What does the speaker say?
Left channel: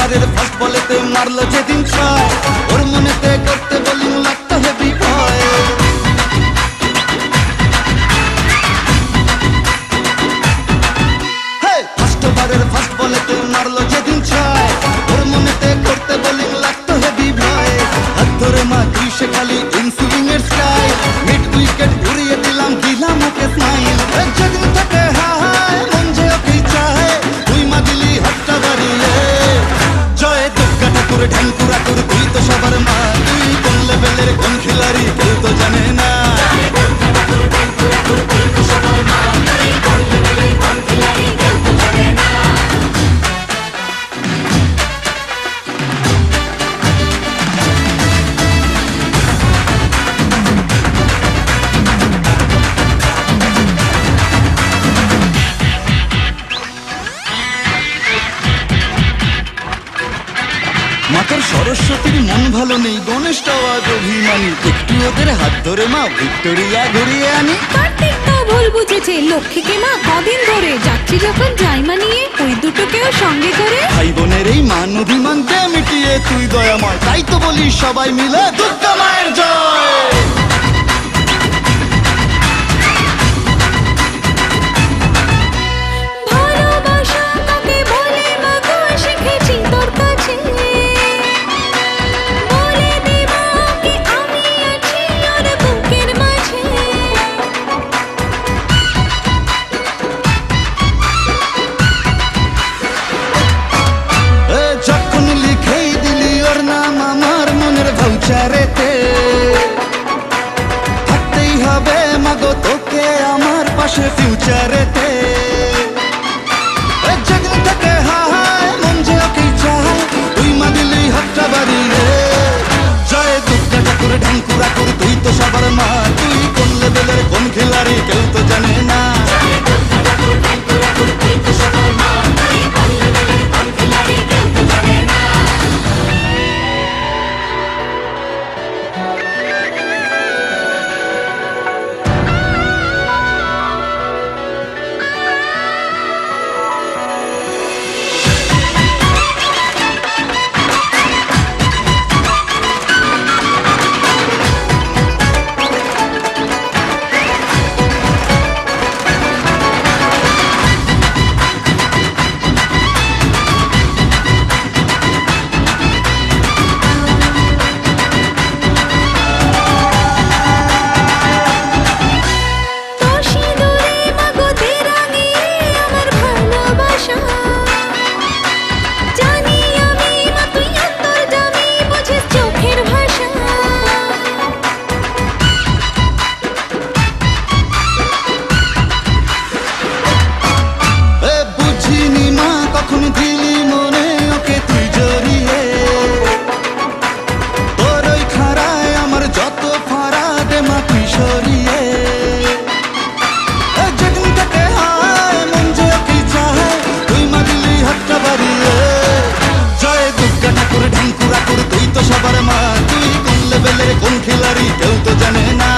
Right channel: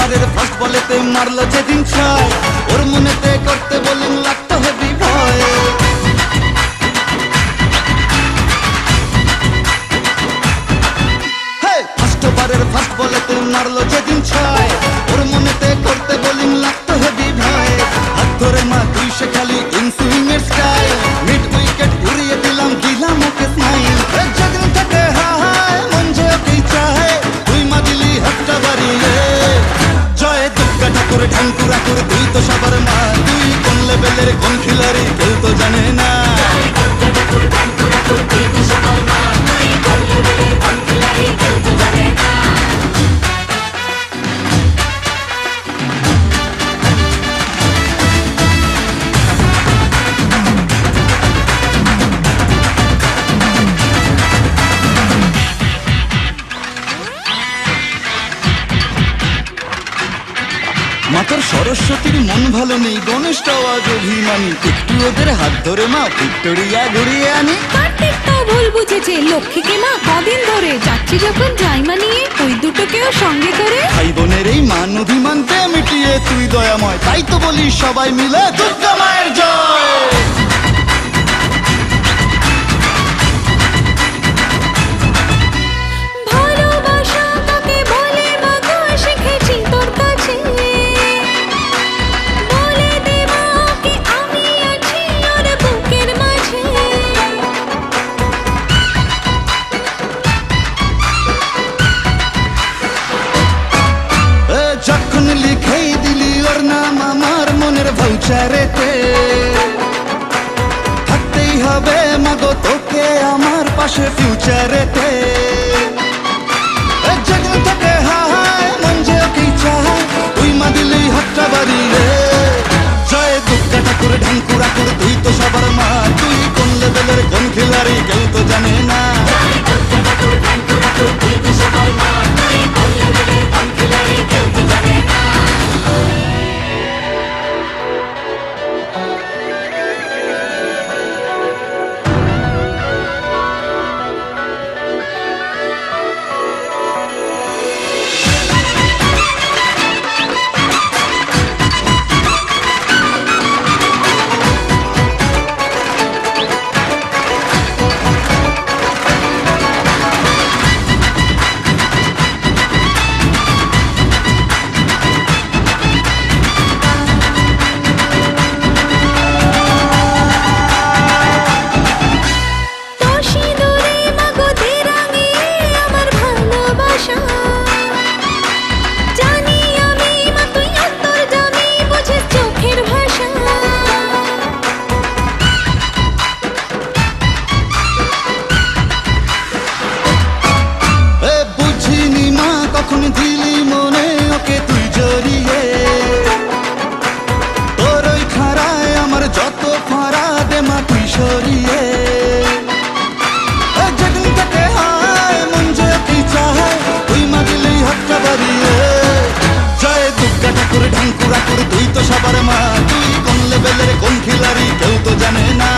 ওভারের ফার্স্ট বলেতে মারলো যেদিন ছয়, ওর মনেতে করতে বোলিং লাগতো হেভি ভয়। ফার্স্ট ওভারের ফার্স্ট বলেতে মারলো যেদিন ছয়, ওর মনেতে করতে বোলিং লাগতো হেভি ভয়। হাত ধরে মা তুই সে খালি ইনসুইং এর স্টাইল, মিড উইকেট উড়িয়ে দিলাম ওকে স্মাইল। যেদিন থেকে হায় মন যে ওকেই চায়, তুই মা দিলি হাতটা বাড়িয়ে। জয় দুর্গা ঠাকুর ঢ্যাঙ্কুরা কুর, তুই তো সবার মা, তুই কোন লেভেলের কোন খিলাড়ি কেউ তো জানে না। মাতর সরস্বতীর মন ভালো নেই, গণেশটাও আজ অভিমানী, একটু ওদের হাত ধরে মা ভিক্টোরিয়া ঘুরিয়ে আনি। কার্তিক তো ভুল বুঝেছে, লক্ষ্মীকে মা কদিন ধরে যাচ্ছি যখন জাইমা নিয়ে, ওই দুটোকেও সঙ্গে করে। ভাই বোনের এই মান অভিমান দে মিটিয়ে তুই দয়াময়, তাই তো বলি সবাই মিলে দুর্গা মায়ের জয়। ভালোবাসা কাকে বলে মা গো শিখেছি তোর কাছে, বলে দে মা কি আমি আছি ওর বুকের মাঝে। যখন লিখেই দিলি ওর নাম আমার মনের ভাউচারেতে, থাকতেই হবে মাগো তোকে আমার পাশে ফিউচারেতে। যেদিন থেকে হায় মন যে ওকেই চায়, তুই মা দিলি হাতটা বাড়িয়ে। জয় দুর্গা ঠাকুর ঢ্যাঙ্কুরা কুর, তুই তো সবার মা, তুই কোন লেভেলের কোন খিলাড়ি কেউ তো জানে না। জানি আমি মা তুই অন্তর্যামী, বুঝিস চোখের ভাষা। বুঝিনি মা কখন দিলি মনে ওকে তুই জড়িয়ে, তোর ওই খাড়ায় আমার যত ফাড়া দে মা তুই সরিয়ে। যেদিন থেকে হায় মন যে ওকেই চায়, তুই মা দিলি হাতটা বাড়িয়ে। জয় দুর্গা ঠাকুর ঢ্যাঙ্কুরা কুর, তুই তো সবার মা, তুই কোন লেভেলের কোন খিলাড়ি কেউ তো জানে না।